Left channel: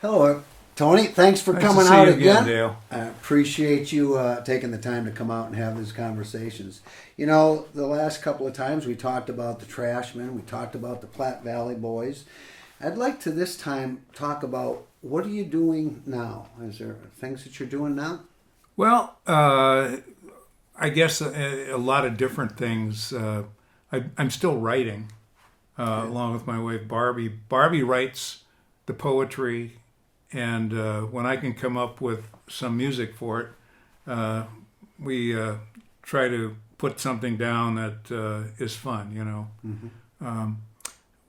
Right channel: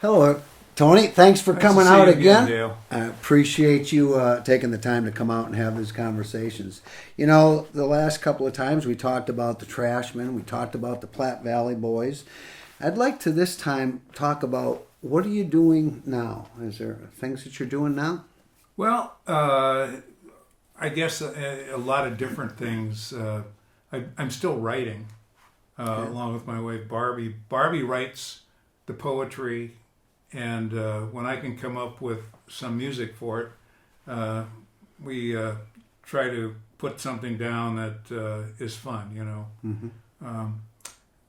Hello, Tony. Thanks for Nice to coming see out you again. Dale. I appreciate you taking the time to come out and have these conversations. You know, the last couple of times we talked about the Trashmen, we talked about the Platte Valley Boys. I'd like to this time talk about what are you doing now? Is there things that you're doing now? Well, I guess a lot of different things. I'm still writing along with my wife Barbie. Barbie writes the poetry, and when I can come up with some music for it, we try to put something down that is fun. You know,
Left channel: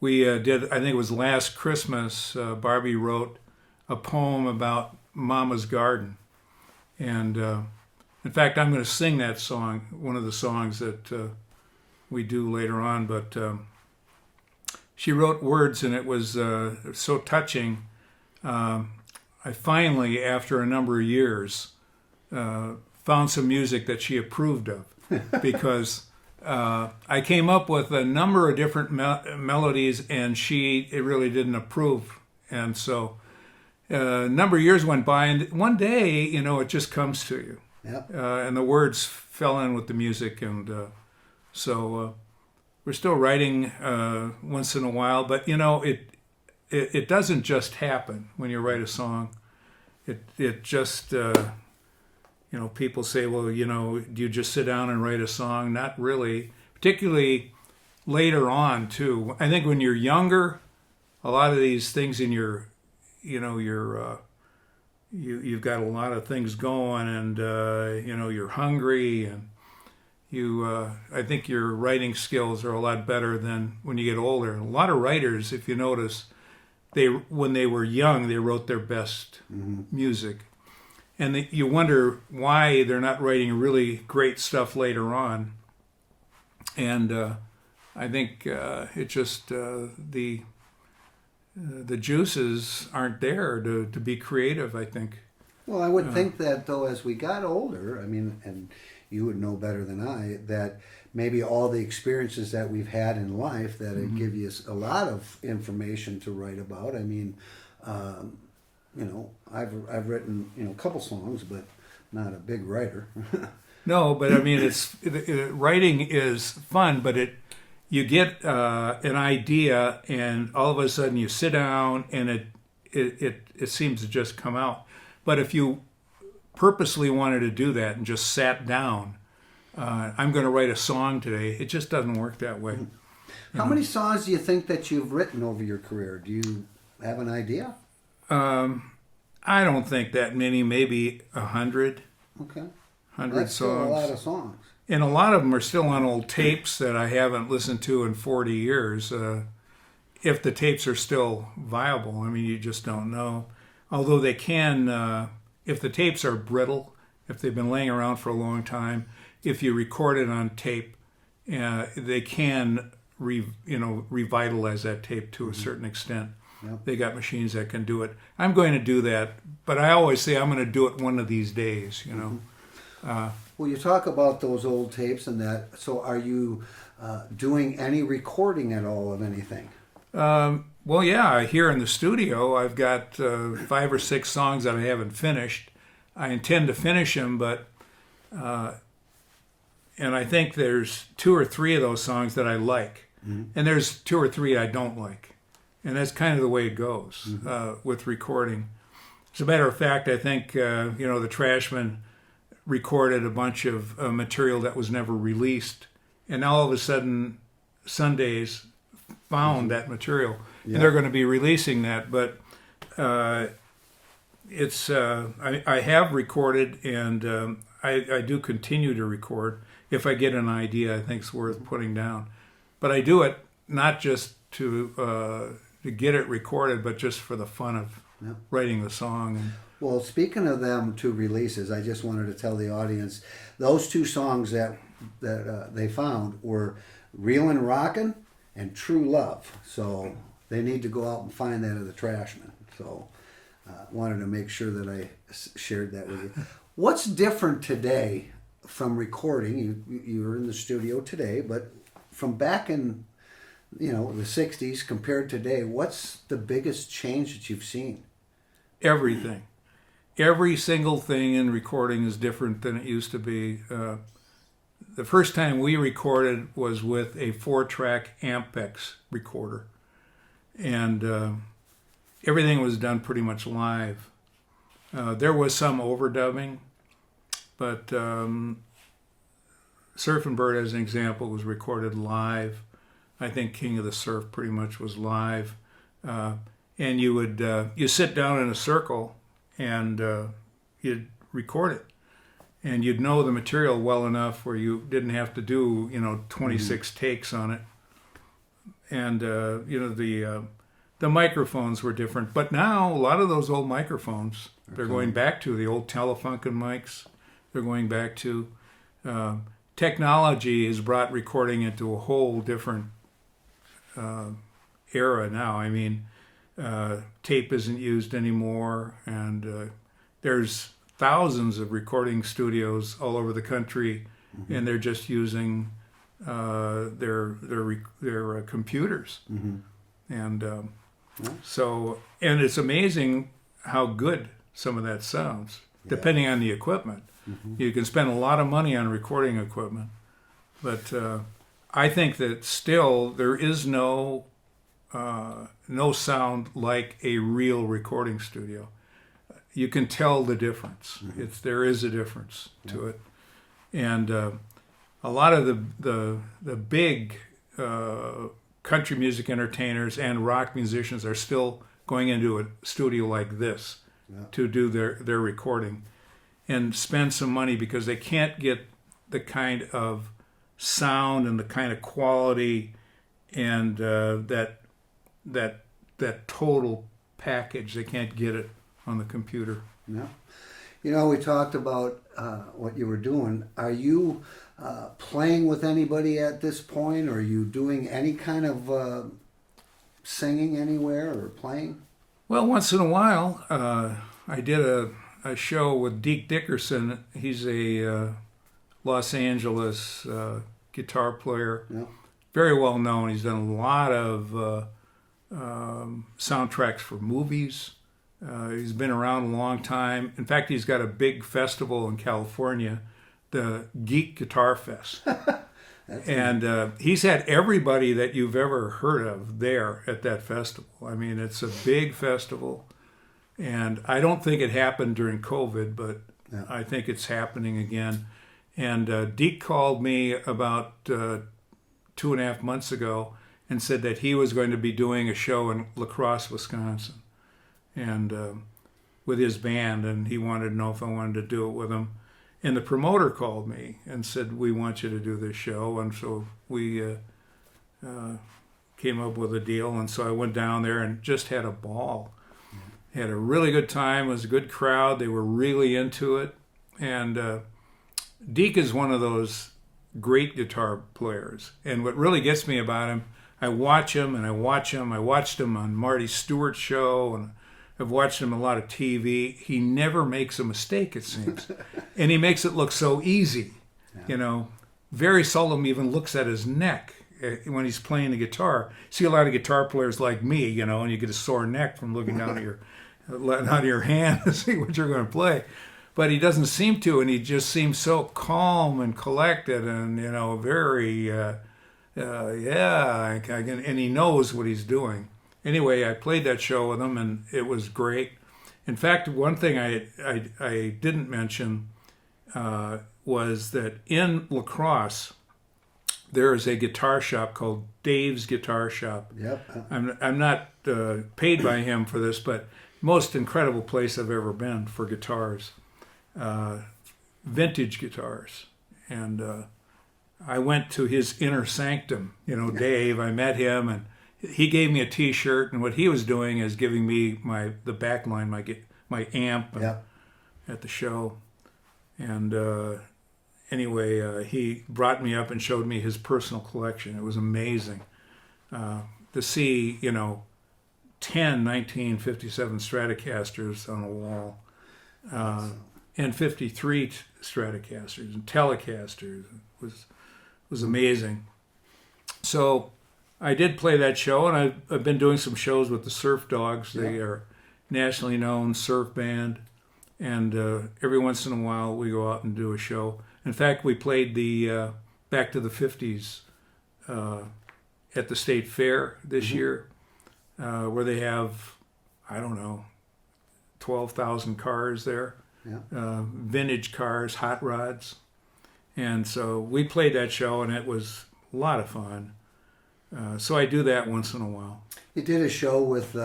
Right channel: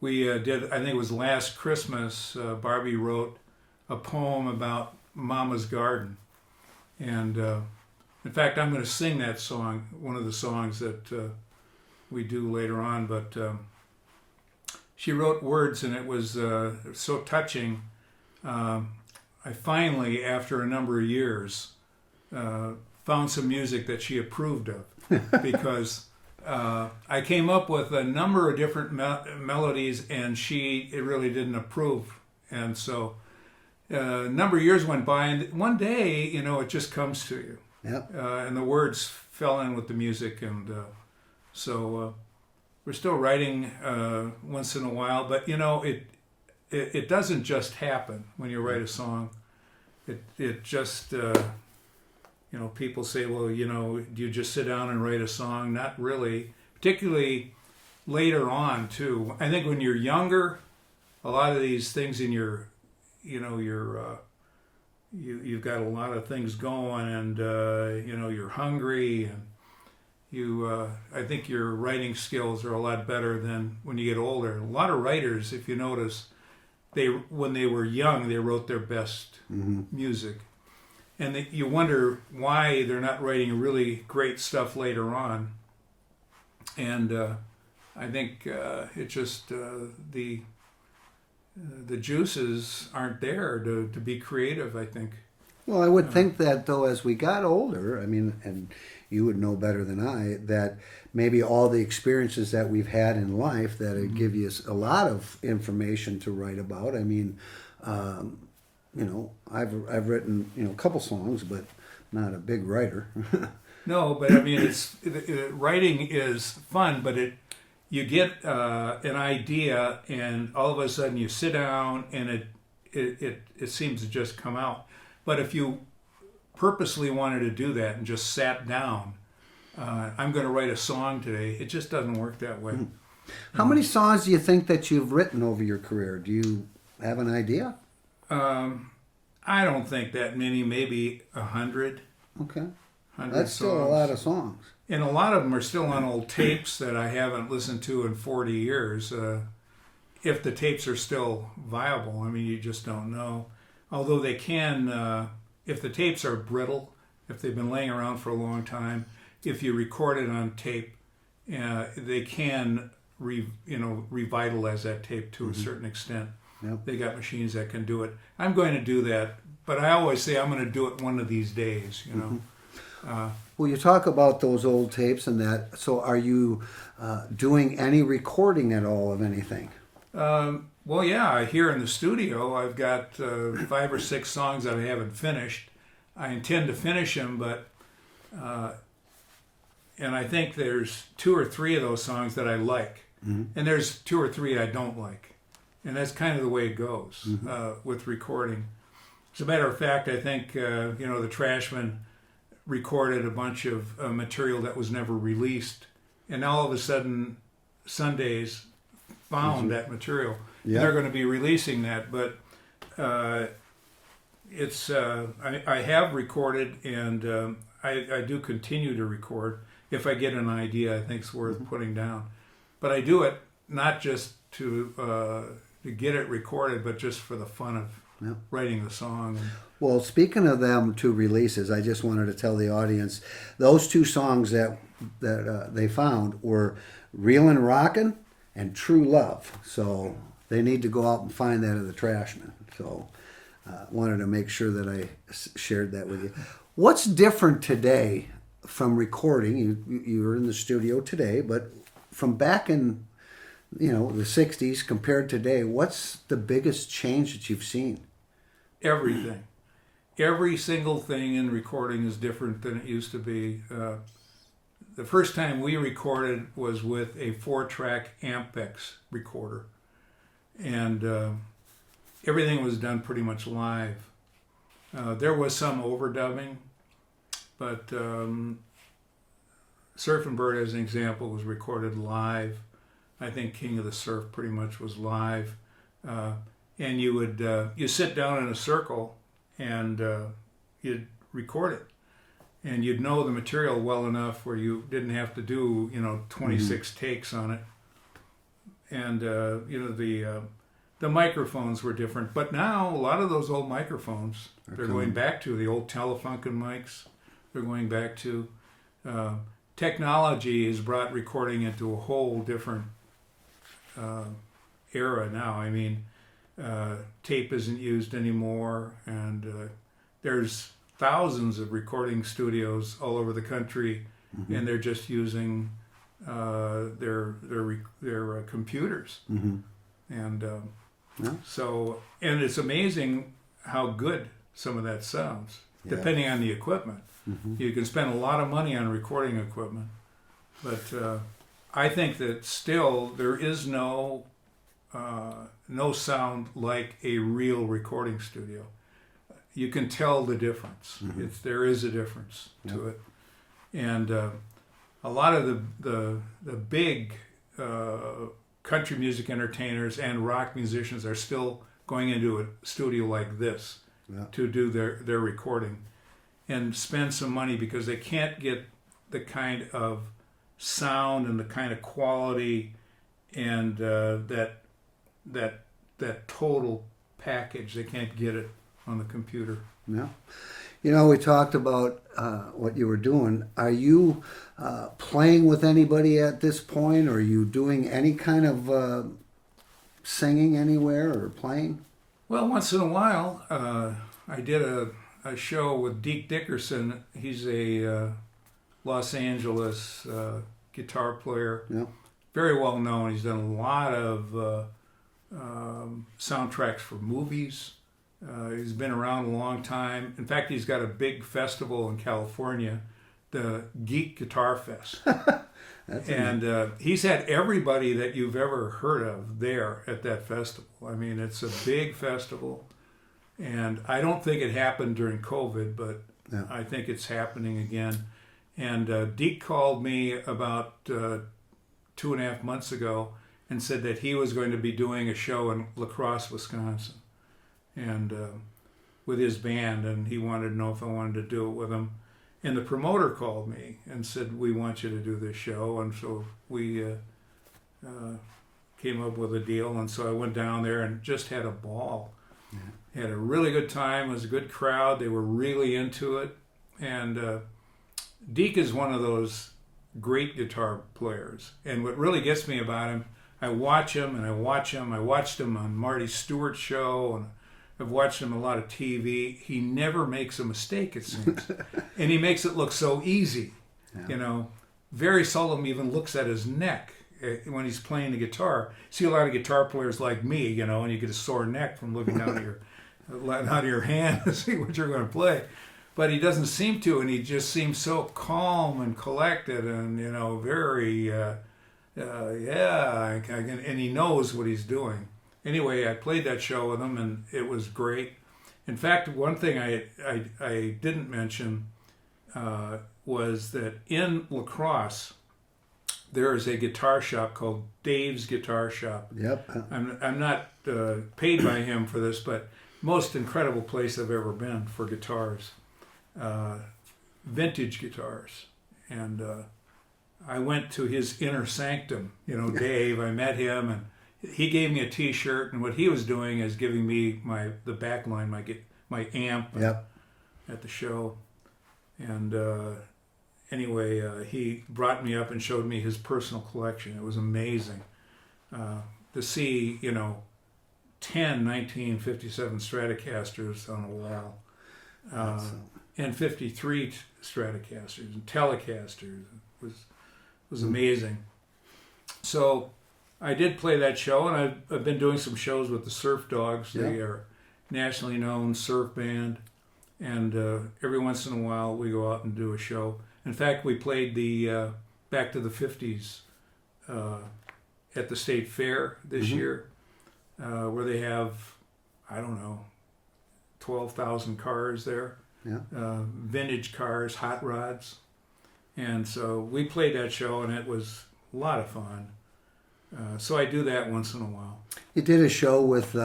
we did. I think it was last Christmas. Barbie wrote a poem about Mama's garden, and in fact, I'm going to sing that song. One of the songs that we do later on, but. She wrote words, and it was so touching. I finally, after a number of years, found some music that she approved of, because I came up with a number of different melodies, and it really didn't approve. And so a number of years went by, and one day, you know, it just comes to you. Yep. And the words fell in with the music, and so... We're still writing once in a while, but you know, it doesn't just happen when you write a song. It just you know, people say, well, you know, do you just sit down and write a song? Not really. Particularly later on too. I think when you're younger, a lot of these things in your, you know, you've got a lot of things going, and you know, you're hungry, and I think your writing skills are a lot better than when you get older. A lot of writers, if you notice, when they were young, they wrote their best music. And you wonder why they're not writing really great stuff later on. And I think it just, the juices aren't there to be creative, I think. Well, I would think that, though, as we got older, I mean, and you would know better than I, that maybe all the experiences that we've had in life that it give you a lot of information to write about. I mean, you know, I've written, you know, a couple songs, but not a big writer. No, but I mean, writing is fun, but you get an idea, and all of a sudden you sit down, and it seems to just come out. But if you purposely wanted to do that and just sat down, I'm going to write a song today, it just doesn't work that way. How many songs do you think that you've written over your career? Do you have an idea? I don't think that many, maybe 100. Okay. 100 That's still songs. a lot of songs. And a lot of them are still on old tapes that I haven't listened to in 40 years. If the tapes are still viable, I mean, you just don't know. Although they can... if the tapes are brittle, if they've been laying around for a long time, if you record it on tape, they can revitalize that tape to a certain extent. Yep. They got machines that can do it. I'm going to do that, but I always say I'm going to do it one of these days. You know. Well, you talk about those old tapes and that. So, are you doing any recording at all of anything? Well, yeah, here in the studio, I've got 5 or 6 songs that I haven't finished. I intend to finish them, but, and I think there's 2 or 3 of those songs that I like, and there's 2 or 3 I don't like. And that's kind of the way it goes with recording. As a matter of fact, I think, you know, the Trashmen recorded a bunch of material that was never released, and all of a sudden, Sundays found that material. Yep. They're going to be releasing that, but it's I have recorded, and I do continue to record. If I get an idea I think it's worth putting down, but I do it not just to get it recorded, but just for the fun of writing the song. Well, speaking of them 2 releases, I just wanted to tell the audience those 2 songs that they found were "Reelin' Rockin'" and "True Love." So they need to go out and find that in the Trashmen. So wanted to make sure that I shared that with you. What's different today from recording? You're in the studio today, but from back in, you know, the 60s compared to today, what's the biggest change that you've seen? everything. Every single thing in recording is different than it used to be. The first time we recorded was with a 4-track Ampex recorder, and everything was done pretty much live. There was some overdubbing, but Surfin' Bird, as an example, was recorded live. I think King of the Surf pretty much was live. And you would you sit down in a circle and you'd record it. And you'd know the material well enough where you didn't have to do, 26 takes on it. And, the microphones were different. But now, a lot of those old microphones, they're going back to the old Telefunken mics. They're going back to... technology has brought recording into a whole different era now. I mean, tape isn't used anymore, and there's thousands of recording studios all over the country, and they're just using their computers. And so, and it's amazing how good some of that sounds, depending on the equipment. You can spend a lot of money on recording equipment, but I think that still there is no sound like a real recording studio. You can tell the difference. There is a difference to it, and a lot of the big country music entertainers and rock musicians are still going into a studio like this to do their recording and spend some money because they can't get the kind of sound and the kind of quality and that total package. They can't get it on the computer. Yeah. We talked about what you were doing. Are you playing with anybody at this point? Or are you doing any kind of singing anywhere or playing? Well, once in a while, I did a show with Deke Dickerson. He's a Los Angeles guitar player, very well known. He's done a lot of soundtracks for movies. He's been around a long time. In fact, he's got a big festival in California, the Geek Guitar Fest. And he's had everybody that you've ever heard of there at that festival. I mean, it's a big festival. And I don't think it happened during COVID, but I think it's happening again. And Deke called me about 2.5 months ago and said that he was going to be doing a show in La Crosse, Wisconsin, and with his band, and he wanted to know if I wanted to do it with him. And the promoter called me and said, "We want you to do this show." And so we came up with a deal, and so I went down there and just had a ball. Had a really good time. It was a good crowd. They were really into it. And Deke is one of those great guitar players. And what really gets me about him, I watch him and I watch him. I watched him on Marty Stewart's show, and I've watched him a lot of TV. He never makes a mistake, it seems. And he makes it look so easy. Very seldom even looks at his neck when he's playing the guitar. See a lot of guitar players like me, and you get a sore neck from looking down at your hand to see what you're going to play. But he doesn't seem to, and he just seems so calm and collected and, very, and he knows what he's doing. Anyway, I played that show with him, and it was great. In fact, one thing I didn't mention was that in La Crosse, there is a guitar shop called Dave's Guitar Shop. Yep. I'm not paid by him for this, but most incredible place I've ever been for guitars, vintage guitars. And I went to his inner sanctum. Dave. I met him, and he gave me a T-shirt. And what he was doing is giving me the back line, my amp at the show. And anyway, he brought me up and showed me his personal collection. It was amazing to see, 10 1957 Stratocasters on a wall, and 53 Stratocasters and Telecasters. It was amazing. So I did play that show, and I've been doing some shows with the Surf Dogs. They are nationally known surf band, and every once in a while we go out and do a show. In fact, we played the Back to the 50s at the State Fair this year, where they have, I don't know, 12,000 cars there, vintage cars, hot rods. And so we played that show, and it was a lot of fun. So I do that once in a while. You did a show with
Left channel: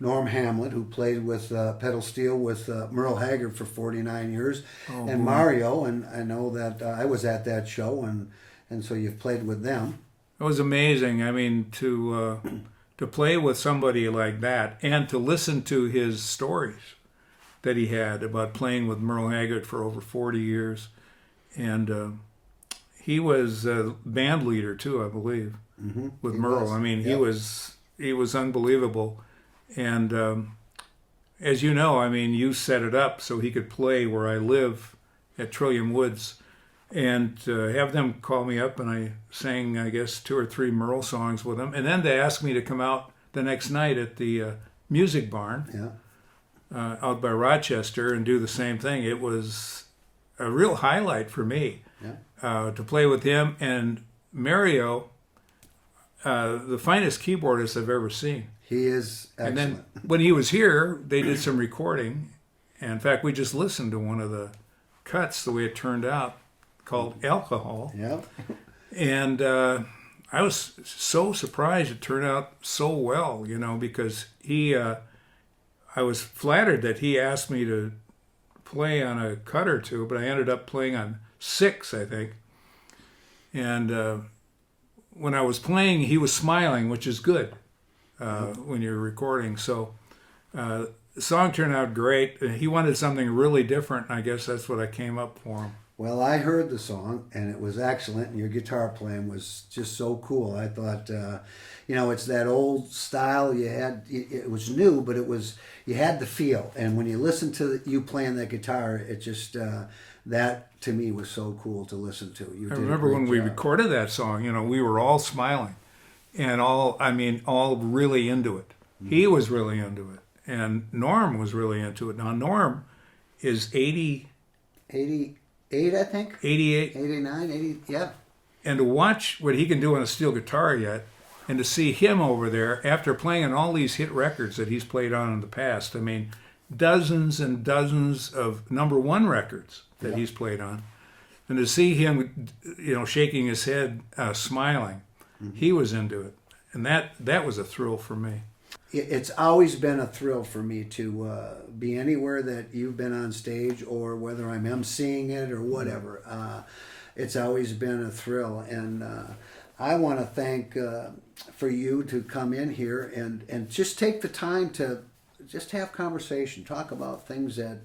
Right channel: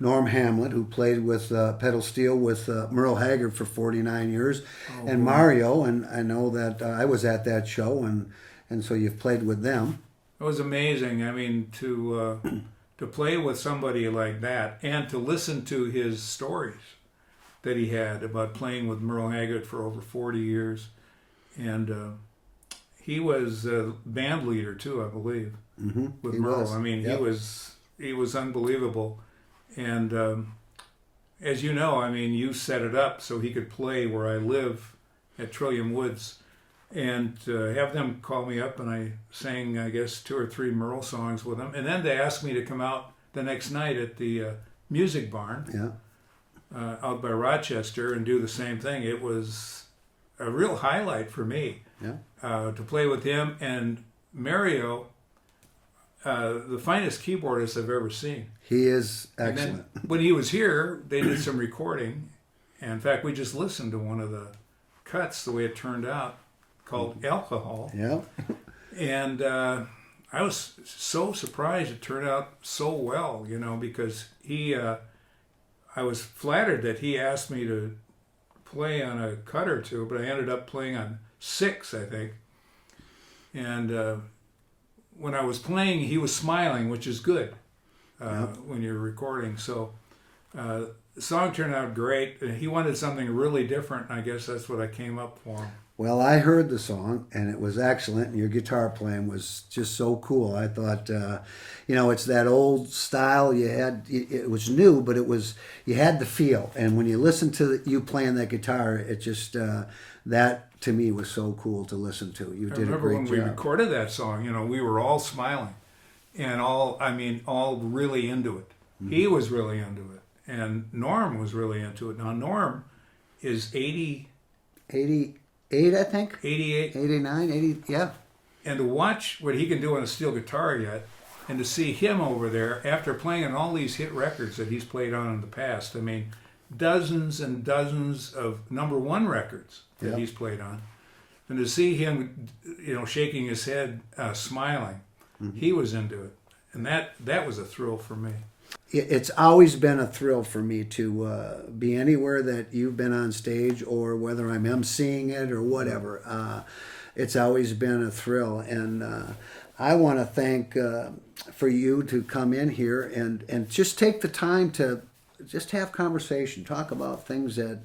Norm Hamlet, who played with pedal steel with Merle Haggard for 49 years, and Mario. And I know that I was at that show, and so you've played with them. It was amazing. I mean, to play with somebody like that and to listen to his stories that he had about playing with Merle Haggard for over 40 years. And he was a band leader too, I believe, with Merle. I mean, he was unbelievable. And as you know, I mean, you set it up so he could play where I live at Trillium Woods. And have them call me up, and I sang, I guess, 2 or 3 Merle songs with them. And then they asked me to come out the next night at the Music Barn out by Rochester and do the same thing. It was a real highlight for me to play with him. And Mario, the finest keyboardist I've ever seen. He is excellent. And then when he was here, they did some recording. And in fact, we just listened to one of the cuts, the way it turned out, called Alcohol. Yeah. And I was so surprised it turned out so well, because I was flattered that he asked me to play on a cut or two, but I ended up playing on 6, I think. And when I was playing, he was smiling, which is good when you're recording. So the song turned out great. He wanted something really different, and I guess that's what I came up for. Well, I heard the song, and it was excellent, and your guitar playing was just so cool. I thought, it's that old style you had. It was new, but you had the feel. And when you listen to you playing that guitar, it just, that to me was so cool to listen to. You did a great job. I remember when we recorded that song, we were all smiling and all really into it. Mm-hmm. He was really into it, and Norm was really into it. Now, Norm is 88, I think. 88. 89, 80, yeah. And to watch what he can do on a steel guitar yet, and to see him over there after playing on all these hit records that he's played on in the past. I mean, dozens and dozens of #1 records that he's played on. And to see him, shaking his head, smiling, he was into it. And that was a thrill for me. It's always been a thrill for me to be anywhere that you've been on stage, or whether I'm emceeing it or whatever. It's always been a thrill, and I want to thank for you to come in here and just take the time to just have conversation, talk about things that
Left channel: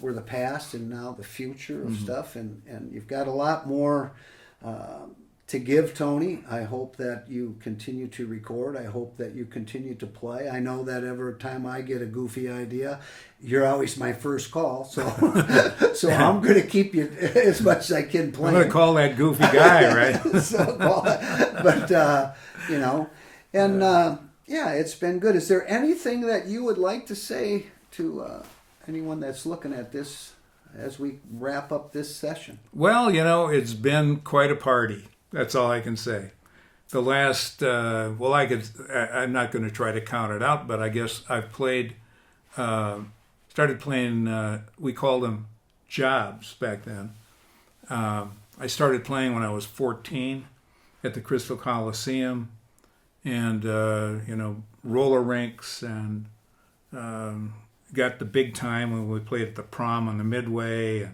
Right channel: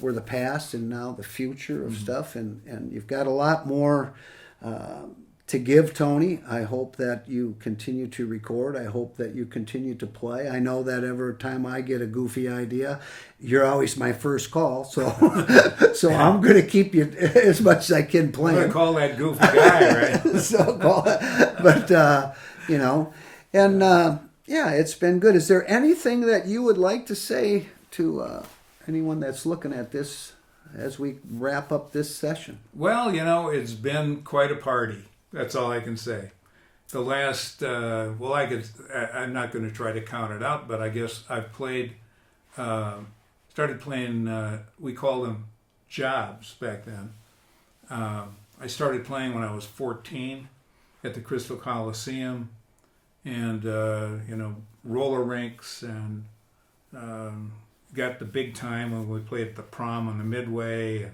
were the past and now the future of stuff, and you've got a lot more to give, Tony. I hope that you continue to record. I hope that you continue to play. I know that every time I get a goofy idea, you're always my first call. So I'm going to keep you as much as I can playing. I'm going to call that goofy guy, right? It's been good. Is there anything that you would like to say to anyone that's looking at this as we wrap up this session? Well, it's been quite a party. That's all I can say. The last, I'm not going to try to count it out, but I guess I've played, started playing, we called them jobs back then. I started playing when I was 14 at the Crystal Coliseum, and, roller rinks, and got the big time when we played at the Prom on the Midway,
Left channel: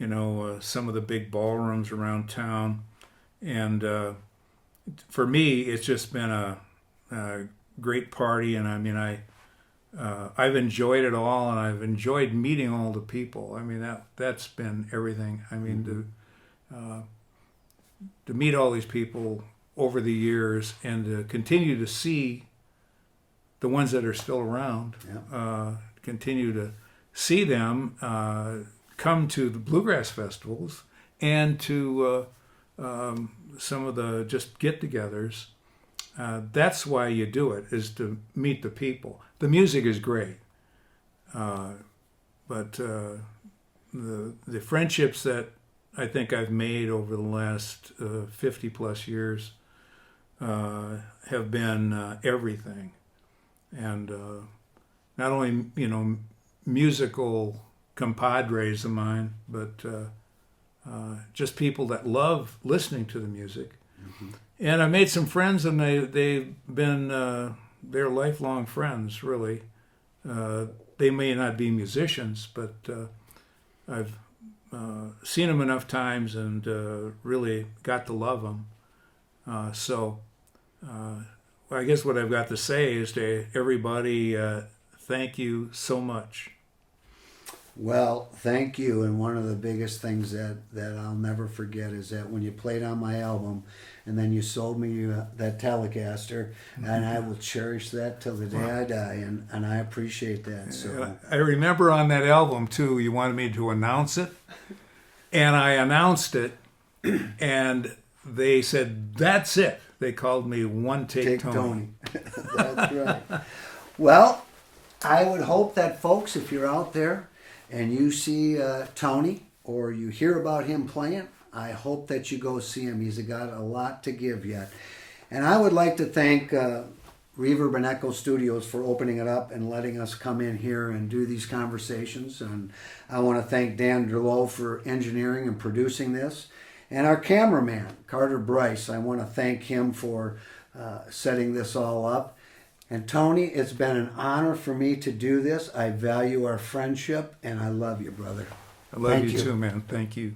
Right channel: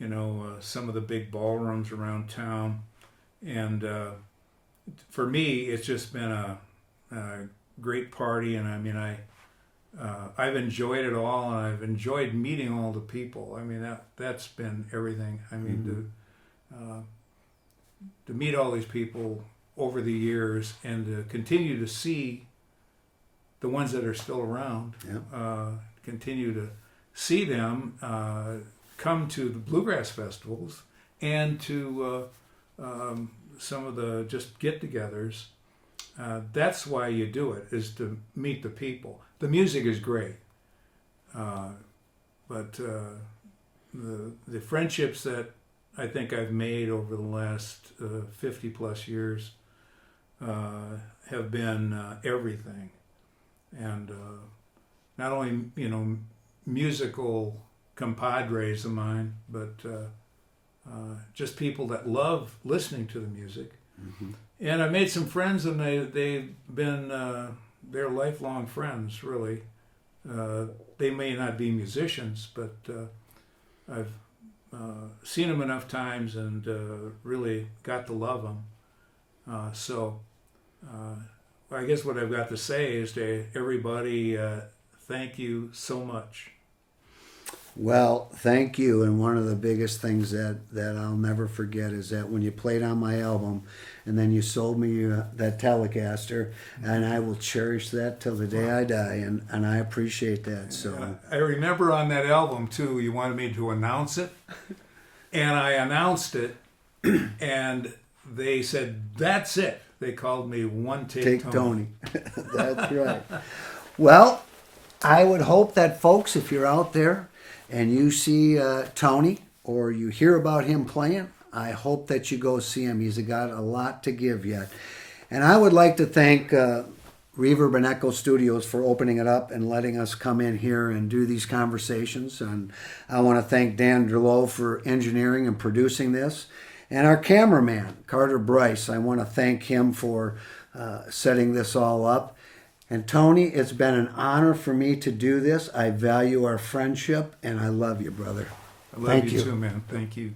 and, some of the big ballrooms around town. And for me, it's just been a great party, and I've enjoyed it all, and I've enjoyed meeting all the people. I mean, that's been everything. I mean, to meet all these people over the years, and to continue to see the ones that are still around, continue to see them come to the bluegrass festivals and to some of the just get-togethers. That's why you do it, is to meet the people. the music is great. But the friendships that I think I've made over the last 50 plus years have been everything. And not only, musical compadres of mine, but just people that love listening to the music. Mm-hmm. And I made some friends, and they've been they're lifelong friends, really. They may not be musicians, but I've seen them enough times and really got to love them. So I guess what I've got to say is to everybody, thank you so much. Well, thank you. And one of the biggest things that I'll never forget is that when you played on my album and then you sold me that Telecaster, and I will cherish that till the day I die. And I appreciate that. So I remember on that album, too, you wanted me to announce it. And I announced it. And they said, that's it. They called me One Take Tony. That's right. Well, I would hope that, folks, if you're out there and you see Tony or you hear about him playing, I hope that you go see him. He's got a lot to give yet. And I would like to thank Reverb and Echo Studios for opening it up and letting us come in here and do these conversations. And I want to thank Dan Deurloo for engineering and producing this. And our cameraman, Carter Brice, I want to thank him for setting this all up. And Tony, it's been an honor for me to do this. I value our friendship, and I love you, brother. I love you too, man. Thank you.